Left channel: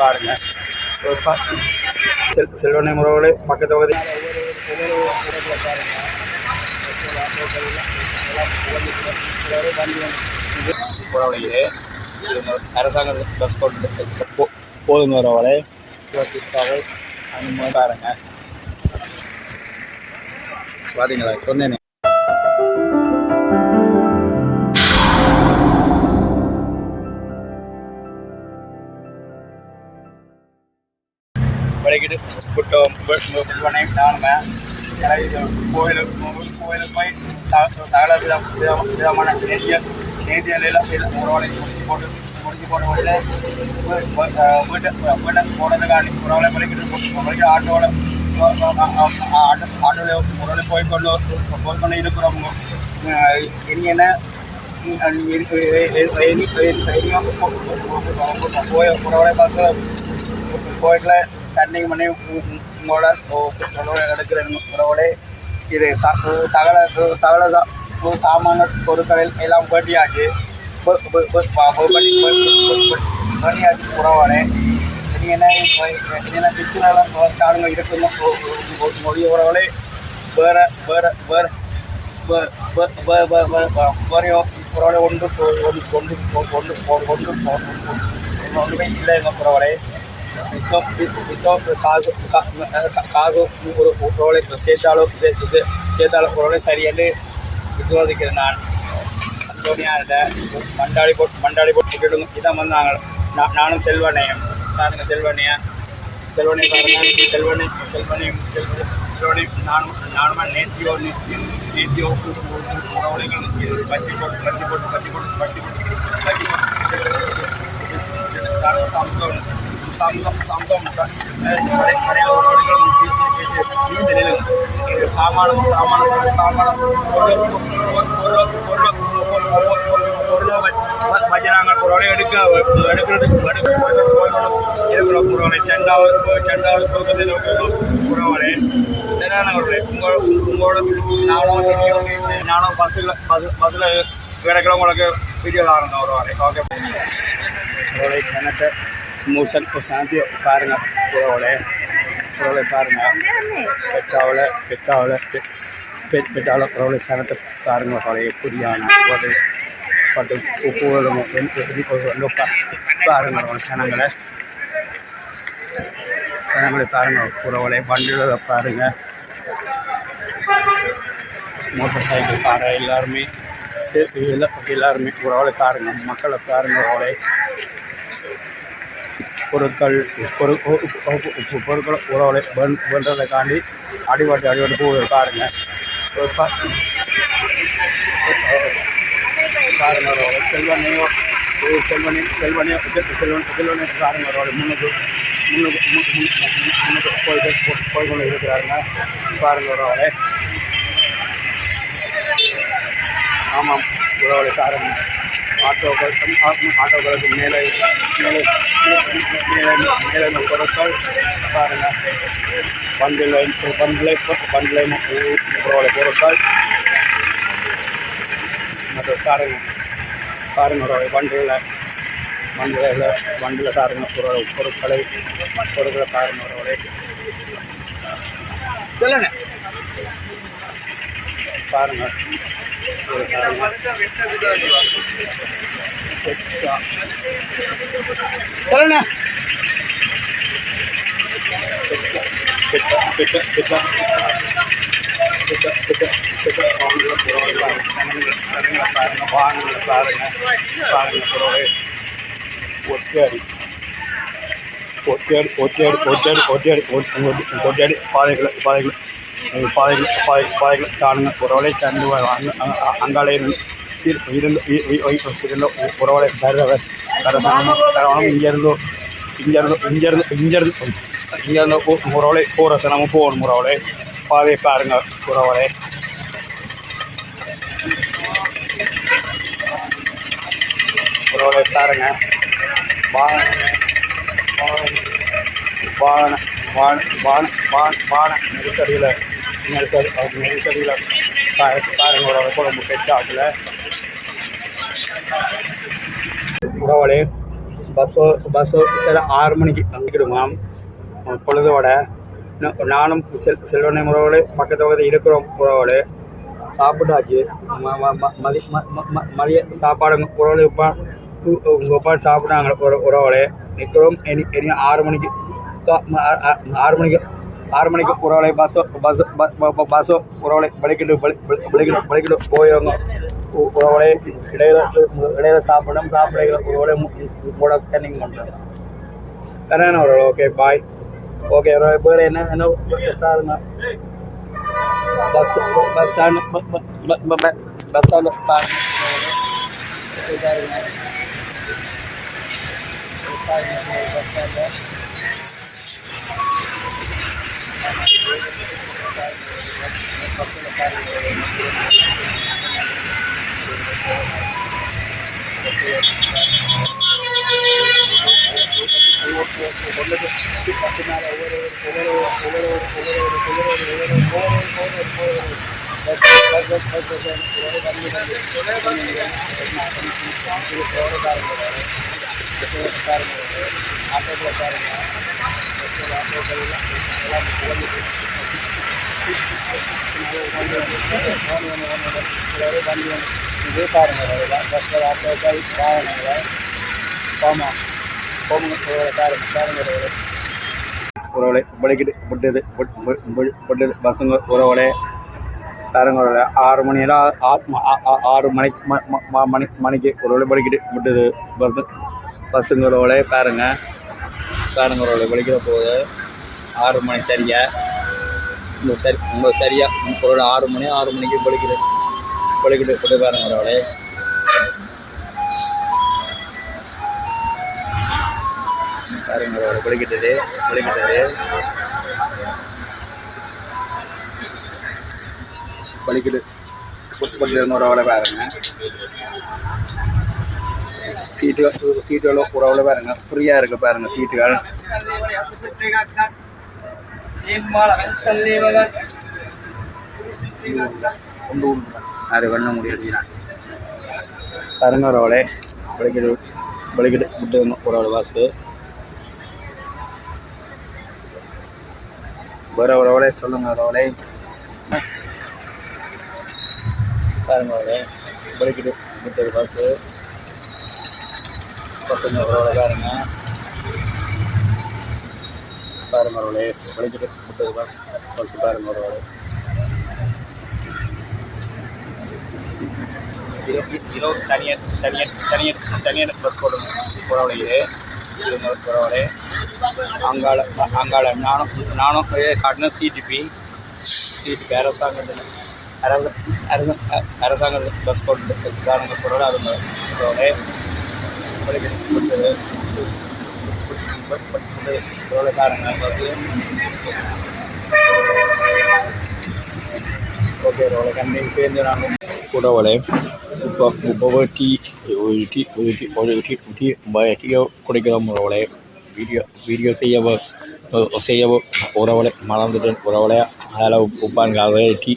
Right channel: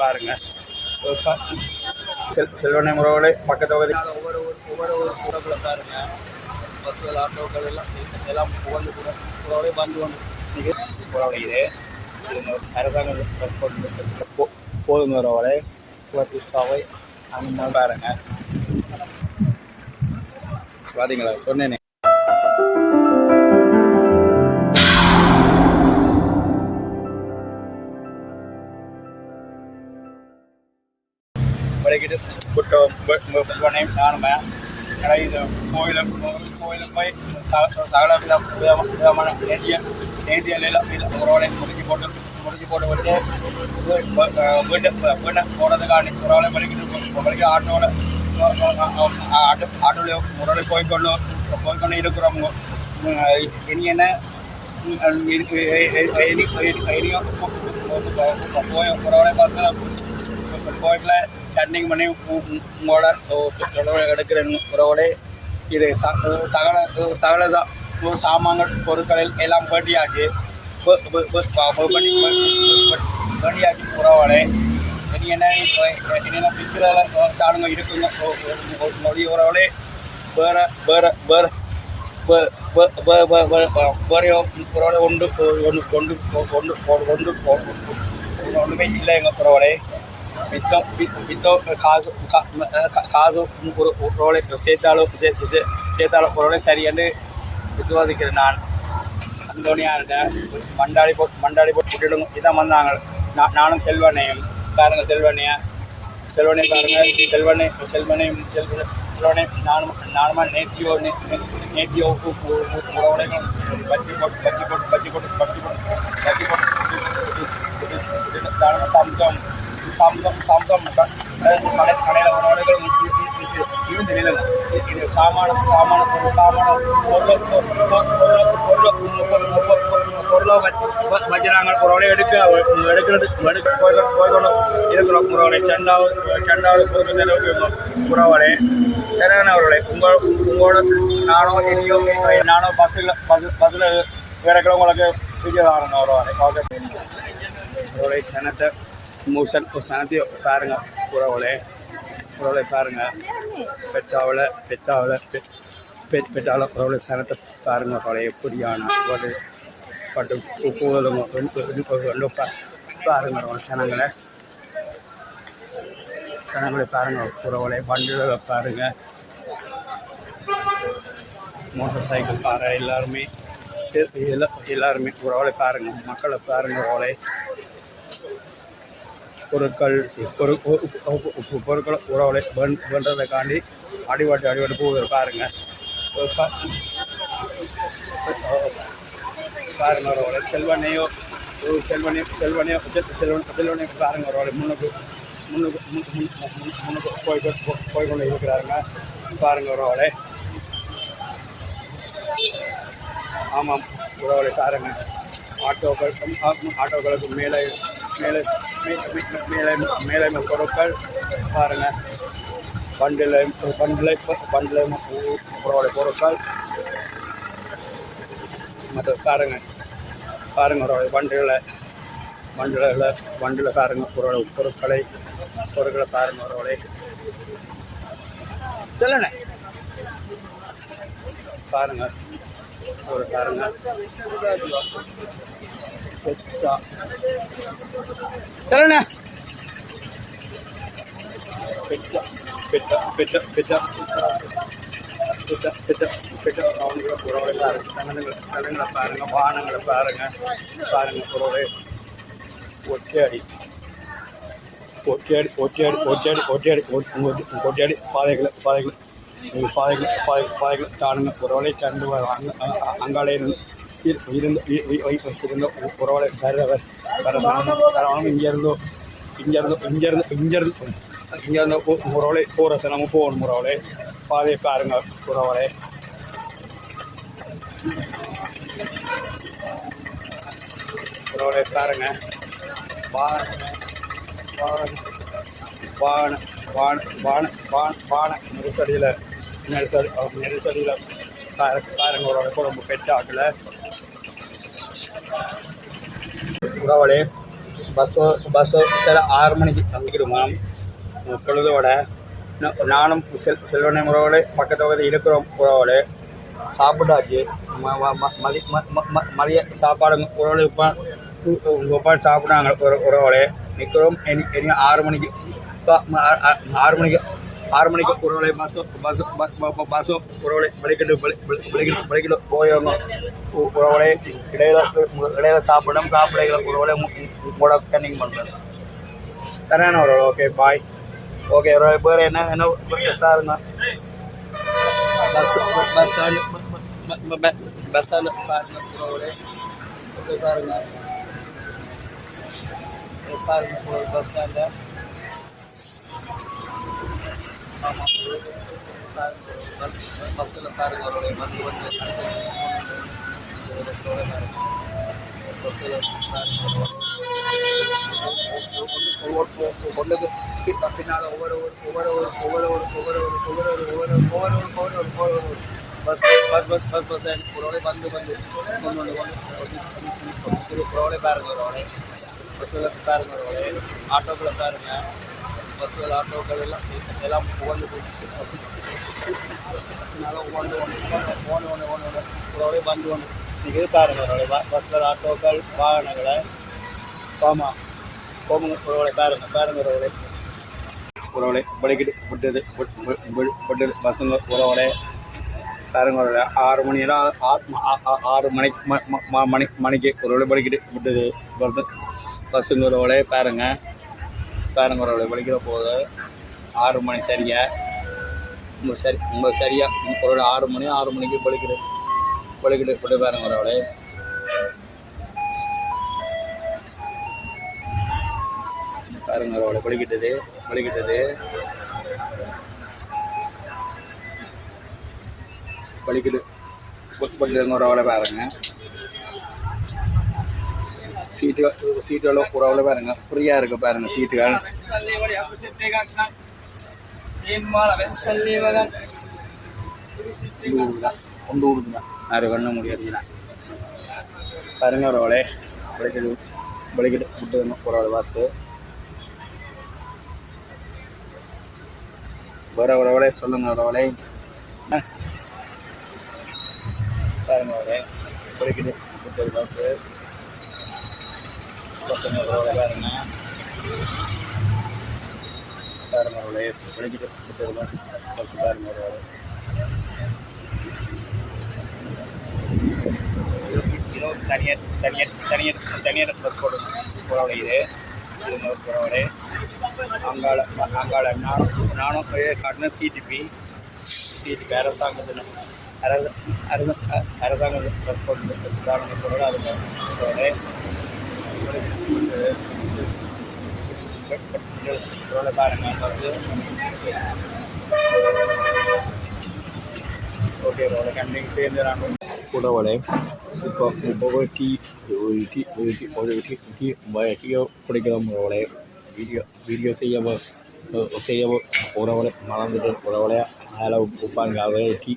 பாருங்க. ஒரு ப- செல் செல்வனை முறவுகளை பக்கத்து பகுதி இது அரசாங்க பஸ் கொண்டு போதும் வரவரை அனுமதி பாருங்க. பார்த்தீங்களா சொன்னேனே. கூட்டம் விற்பனை நானுமே இது கோயிலுக்கு கோயிலுக்கு போய் சகல வித விதமான நெறிய நேதியில் உறவனை முடிச்சு போட்டு முடிச்சு போட்டு விட்டு வீட்டு வீட்டை போகிறதுக்காண்டி உறவனை வரைக்கிட்டு வரைக்கும் ஆட்டோவில் ஆட்டோ ஆட்டோவில் உறவை போய்க்கொண்டு போய்க்கொண்டு இருக்கிறவங்க இனி என்ன? போய் உறவனை பார்த்து தண்ணிங் பண்ணி மூட உங்களோட எடுக்கிற உறவோட இது ச- சகல சகல தான் சாமான்கள் பொருட்களில் எல்லாம் வேட்டியாச்சு ப- ப- ப- என்ன இனி என்ன பிச்சுரெல்லாம் தானுங்க இருக்குங்க மொழிய உறவுகளே வேற வேற வேற வேறையோ உறவுகளை ஒன்று கொண்டு கொண்டு கொண்டு கொண்டு ஒன்றுமே இல்லை எங்கள் உறவுகளே மித்தம் மித்தம் காசு கா- காசு ஒரு உறவுகளை சேர்த்தாலும் சே- சே- சேர்த்தாலும் நான் அந்தோனியார்கிட்ட மண்டாடி போட்டு மண்டாடி போட்டு விட்டுடுங்க இதான் வந்தாங்க நான் நானும் செல்வனையும் பாருங்க செல்வனையா செல்வனையும் பாருங்கள் செல்வனை செல்வனையும் செல்வனையும் செல்வனை நானும் நானுமா நேர்த்தியோ நே- நே- நேர்த்தியோ உறவுலைகளும் பச்சி போட்டு பச்சி போட்டு பச்சி போட்டு பச்சி போட்டு பச்சி போட்டு நானும் சம்தம் சம்தம் சம்தம் கடை கடையில் உறவுகளும் இன்னும் தெரியல இது சாமானம் சாமானம் சாமானம் பொருளை பொருளை பொருள் பொருள் பொருளை வச்சு நாங்கள் ஒரு வேலையை எடுக்க எடுக்கிறதுக்கு எடுக்க போய்கொண்டு போய்கொண்டு இருக்கிறோம் உறவுகளை செண்டாவது செண்டாவது பொருட்கள் நினைவுக்கு உறவுகளே சரியான உங்கள் உங்களோட நானும் தெரியும் நானும் பஸ்ஸில் பஸ் பஸ்ஸில் கிடைக்கிறவங்களுக்கு உங்களுக்கு வீடியோ ஒரு வரை ஓகே உறவுகளை செனட்டர் மூசன் சாந்தி பாருங்க உறவுகளே உறவுகளை பாருங்க பெற்றாவில் பெற்றாவில் பெற்றாவில் உறவுகளை சனத்தை பாருங்க உறவுகளே புதியான ஒரு பட்டு உப்புகளும் பாருங்க உறவுகளை சனங்களை சனங்களை பாருங்க உறவுகளை வண்டிகளை பாருங்கள் மோட்டர் சைக்கிள் பாருங்கள் எல்லாருமே எல்லா- எல்லாருமே உறவுகளை பாருங்க மக்களை பாருங்கள் உறவுகளை பொருட்கள் பொரு பொ- பொ- பொ- பொருட்கள் உறவுகளை வேண் வேண்டதைக்காண்டி அடிபட்டு அடிபட்டு போகுது பாருங்க ஒரு ப- பாருங்க ஒரு செல்வனையோ ஒரு செல்வனையோ செல்வனையோ செ- செல்வன் செல்வனை பாருங்க அவரோட முன்னுக்கு முன்னுக்கு மு- மு- முன்னுக்கு போயிட்டு போ- போய் கொண்டு இருக்கிறாங்க பாருங்க அவரோட ஆமாம். பாருங்க ஆட்டோக்கள் ஆட்டோ- ஆட்டோக்களுக்கு மேலே மேலே மேலே மேலே உள்ள பொருட்கள் பாருங்க பண்டிலை பண்டிலை பண்டிலை உறவுகளை பொருட்கள் மற்ற உறவுடைய வண்டிகளை வண்டியில் வண்டியில் பாருங்க பொருள் பொருட்களை பொருட்களை பாருங்க உறவுடைய சொல்லுங்க. பாருங்க না వచ్చాడు వచ్చాడు వచ్చాడు వచ్చాడు వచ్చాడు వచ్చాడు పాలకుల పాలకుల பாதைகளை பாதைகள் பாதைகள் பாதை பாதைகள் காணுங்க உறவலை கண்டு அங்காலே இருந்து இருந்து இருந்த உறவலை தருவர் தரவணும் இங்கேருந்து இங்கேருந்து இங்கேருந்து இங்கேருந்து இங்கேருந்து உறவலை போகிற சிரமம் போகணும் உறவலை பாதையை பாருங்க உறவலை உறவலை பாருங்க வாகன வாகன வாகன வாகன வாகன வாகன நெருக்கடியில் நெல்சரி அவங்க நெல்சரியில் காரங்களோட குழம்பு கெட்டு ஆட்டில் உறவாளி பஸ்ஸோ பஸ்ஸோ சில ஆறு மணிக்கு வந்துக்கிடுமா பொழுதோட நானும் செல் செல்வனை முறவோடு பக்கத்து பக்கத்து இருக்கிறோம் உறவோடு சாப்பிட்டாக்கி மதிய மதிய சாப்பாடு உறவு இப்போ உங்கள் அப்பா சாப்பிட்டாங்க ஒரு உறவோடு நிற்கிறோம் இனி ஆறு மணிக்கு ஆறு மணிக்கு ಆರು ಮಣಿಗೆ ಪುರವಳೆ ಬಸ್ಸು ಬಸ್ ಬಸ್ ಬಸ್ಸು ಪುರವಳೆ ಬೆಳಗ್ಗೆ ಬೆಳಗ್ಗೆ ಬೆಳಗ್ಗೆ போயவங்க உறவளே இடையில இடையில சாப்பிடணும் சாப்பிடையில உறவளே உங்களோட நீங்கள் பண்ணுறேன் கரெக்டான ஒரு ஓகே பாய் ஓகே பேர் என்ன என்ன சாருங்க bus bus stand bus stand பாருங்க பாருங்க பஸ் ஸ்டாண்டு Gracias. இது காரணங்களோட கோமா கோமங்களோட காரண காரணங்களோட உறவுகளை பழகிட்டு பசங்க உறவுகளே பேரங்களோட ஆறு மணியெல்லாம் ஆறு மணிக்கு மணிக்கு மணிக்கு ஒரு படுக்கிட்டு விட்டது பஸ் பஸ்ஸுங்களோட பேருங்க. காடுமரோட வெளிக்கிற போகுது. ஆறு மணி சரியா? இந்த சரி ரொம்ப சரியாக முப்பரோட ஆறு மணி ஆறு மணிக்கு பலிக்குது பலிக்கிட்டு கொண்டு பாருங்க அவளே பாருங்க அவளை பலிக்கிட்டது பலிக்கிட்டது பலிக்கிட்டு கொச்சு கொண்டு மரவளை பாருங்க. சீட்டுகள் சீட்டுகளோ புறாவில் பாருங்க. ஃப்ரீயாக இருக்குது பாருங்க சீட்டுகள். அது பண்ண முடியாது பாருங்க ரோலே வலிக்கிட்டு வலிக்கிட்டு விட்டு புறாவில் வாசு வர உறவளே சொல்லுங்க உறவளே பாருங்க உறவளே வலிக்கிட்டு விட்டது வாசு பசங்க ரோடு பாருங்க பாருங்க. ரோடு ஒழிஞ்சிட்டு முப்பது பஸ் பஸ் பாருங்க ரோடு இருபது தனியார் தனியார் தனியார் தனியார் பஸ் போட போகிறவங்க இது இருநூறு போகிறவங்க அங்காள அங்காள நானும் நானும் காட்டினேன் சிடிபி சிடிபி அரசாங்கம் அரசாங்கம் அரசாங்கம் பஸ் போட்டு போகிறவங்க அவங்க കൂടെ പോലെ ഇപ്പോൾ മുപ്പത് ടീ ഒഴുകി ഒഴുകി ഒഴുകി ടീ ടീ കുടിക്കുന്ന ഉറവളെ வீடியோ வீடியோ செய்யவோ செய்யவோ உறவலை மறந்துட்டேன் உறவலை அதில் உப்பான் காலையில் டீ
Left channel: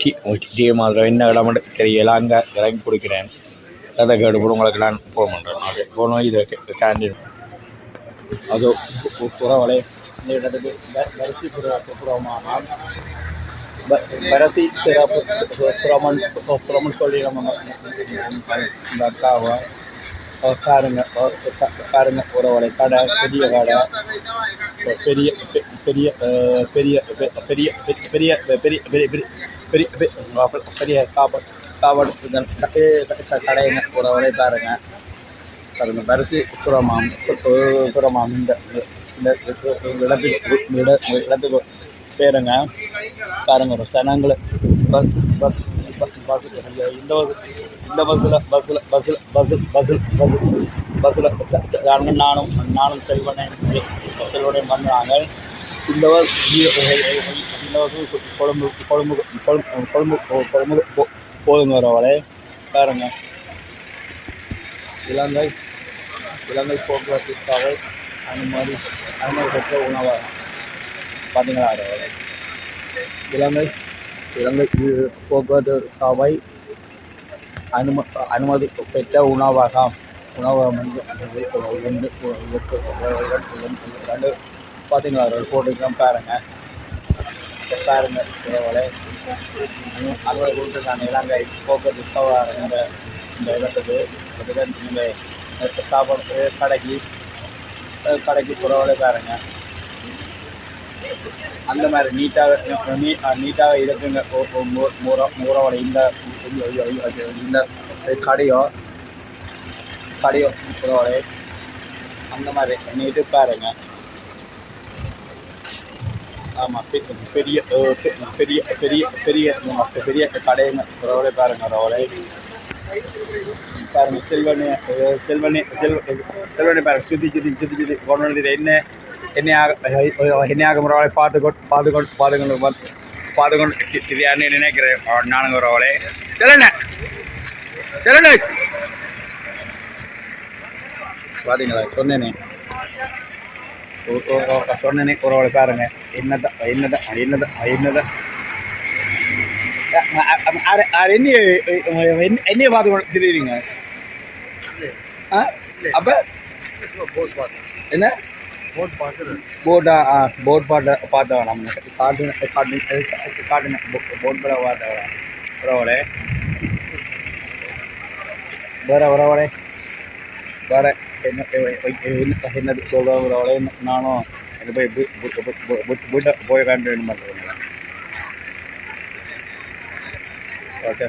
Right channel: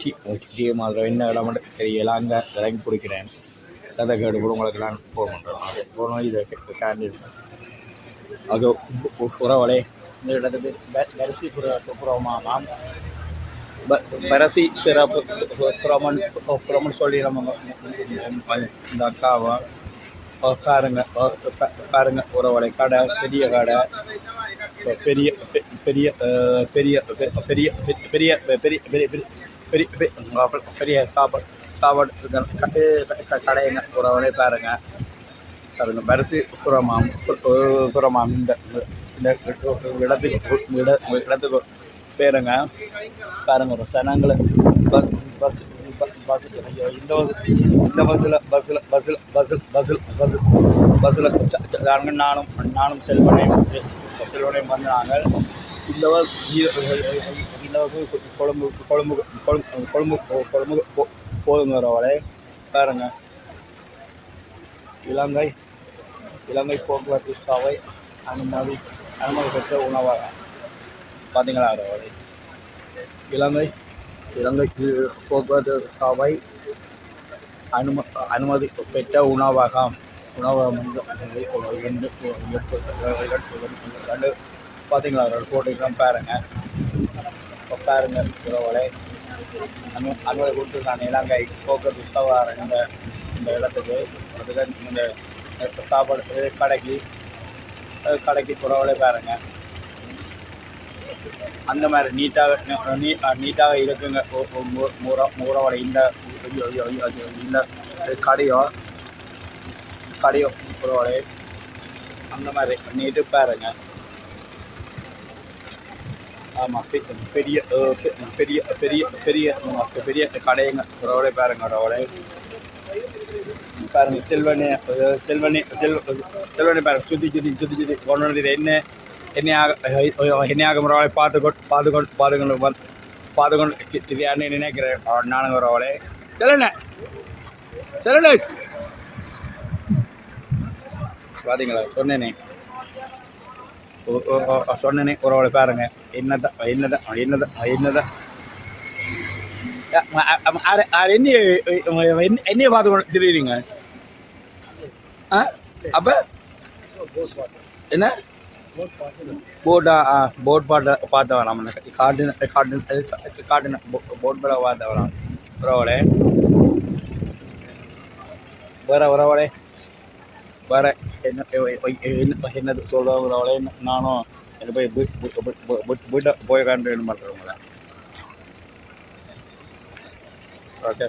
டீ டீ மாதிரி என்ன இடம்னு தெரியலாங்க இறங்கி பிடிக்கிறேன் அதை கேட்டு உங்களுக்கு நான் ஃபோன் பண்ணுறேன் அது போகணும் இது கேண்டீன் அது உறவுகளை இந்த இடத்துக்கு அரிசி புறமாமா பரசி சிறப்பு புறமன் புறமன் சொல்லி நம்ம இந்த அக்காவை காருங்க காருங்க உறவலை கடை பெரிய கடை பெரிய பெரிய பெரிய பெரிய பெரிய பெரிய பெரிய பெரிய பெரிய சாப்பாடு சாப்பாடு கடைங்க புறவரை பாருங்க. பாருங்க பரிசு புறமாம் புறமாம். இந்த இந்த இடத்துக்கு இட இடத்துக்கு பேருங்க பாருங்க ஒரு சனங்களை. Bus bus bus. இந்த இந்த பஸ்ஸில் பஸ்ஸில் பஸ்ஸில் பஸ்ஸில் பஸ்ஸில் பஸ்ஸில் பஸ்ஸில் நாங்கள் நானும் நானும் செல்வனையும் செல்வனையும் வந்தாங்க. இந்த வருஷம் இந்த வருஷம் கொழும்பு கொழும்பு கொழும்பு கொழும்பு கொழும்பு போதுங்க வரவளே பாருங்க. இலங்கை இலங்கை போக்குவரத்து சாலை அனுமதி அனுமதி பெற்ற உணவகம் பார்த்தீங்களா வரவளே இலங்கை இலங்கை போக்குவரத்து சாவை அனும அனுமதி பெற்ற உணவகம் உணவகம் ஒரு பார்த்தீங்களா ஒரு பாருங்கள் பாருங்கள் இப்போ பாருங்க உணவோட அலுவலகம் கொடுத்துருக்காங்க. இலங்கை போக்குவரத்து சவார் இந்த இந்த இடத்துக்கு. அதுதான் இந்த இப்போ சாப்பிட்றது கடைக்கு கடைக்கு புறவோட பாருங்க அந்த மாதிரி நீட்டாக நீ நீட்டாக இருக்குங்க. ஒ- ஒ- மூ- மூர இந்த இந்த- கடையோ கடையோ புறவோட அந்த மாதிரி நீட்டு பாருங்கள் ஆமாம் பெரிய அஹ் பெரிய பெரிய பெரிய பெரிய கடைங்க ரோடே பாருங்க ரோடே பாருங்க செல்வனே அஹ் செல்வனே செல்வ செல்வனே பாருங்க சுற்றி சுற்றி சுற்றி சுற்றி கொண்டு வந்து என்ன என்னையாக என்னையாக ரோடை பார்த்து கொண்டு பார்த்து கொண்டு பார்த்து கொண்டு வந்து பார்த்து கொண்டு இது- இது நினைக்கிறேன். அவன் நானுங்க ரோடே செல்லண்ணே செல்லண்ணே பார்த்தீங்களா சொன்னேனே. சொன்னனே குறவளை பாருங்க என்னதான் என்னதான் என்னதான் என்னதான் என்ன என்னைய பார்த்து தெரியுறீங்க ஆ அப்போ என்ன போட்டா ஆ போட் பாட்ட பார்த்தவன் நம்ம காட்டின காட்டின காட்டின போட் படம் பார்த்தவன் குறவளே வேற வேற என்ன என்ன- என்னது சொல்கிறவங்களோட நானும் எனக்கு போய் வீ- போய் கண்டு பண்ணுறேன் ஓகே.